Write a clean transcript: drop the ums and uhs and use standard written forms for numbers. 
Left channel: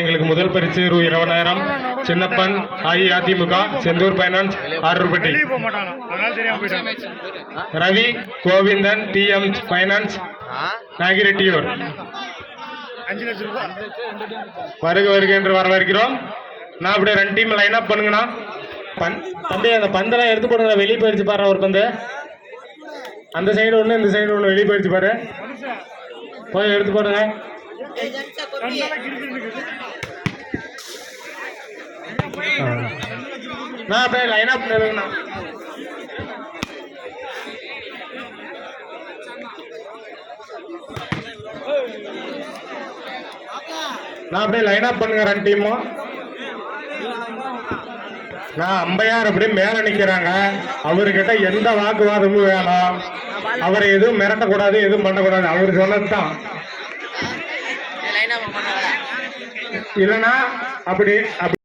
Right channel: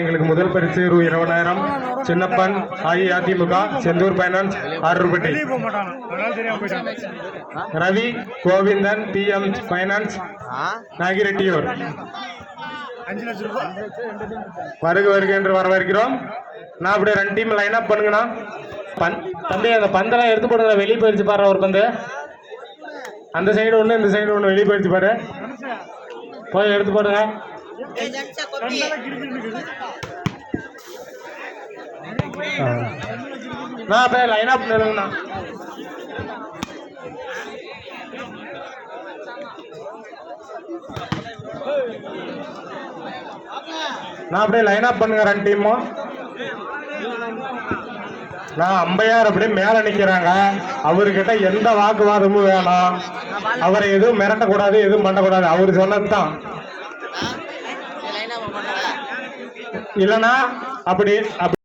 எங்களுக்கு முதல் பரிசு ரூ 20,000. Chinnappan AIADMK Sendhur finance Arupatti. Ravi Govindan TM finance Nagireddiyur. வருக என்று வரவேற்கிறோம். நான் அப்படியே 2 டீம் லைன் அப் பண்ணுங்கண்ணா. தம்பி அந்த பந்தெல்லாம் எடுத்து போடுங்க. வெளியே போயிடுச்சு பாரு ஒரு பந்து. அந்த சைடு ஒன்று இந்த சைடு ஒன்று வெளியே போயிடுச்சு பாரு. போய் எடுத்து போடுங்க. நான் அப்படியே லைன் அப் பண்ணுங்கண்ணா. நான் அப்படியே லைன் அப் பண்ணுங்க 2 டீமும். நான் அம்பையார் அப்படியே மேல நிக்கிறாங்க. அவர்கிட்ட எந்த வாக்குவாதமும் வேணாம். அவரை எதுவும் மிரட்டக்கூடாது, எதுவும் பண்ணக்கூடாது. அவரு சொன்னதுதான். இல்லைன்னா அப்படி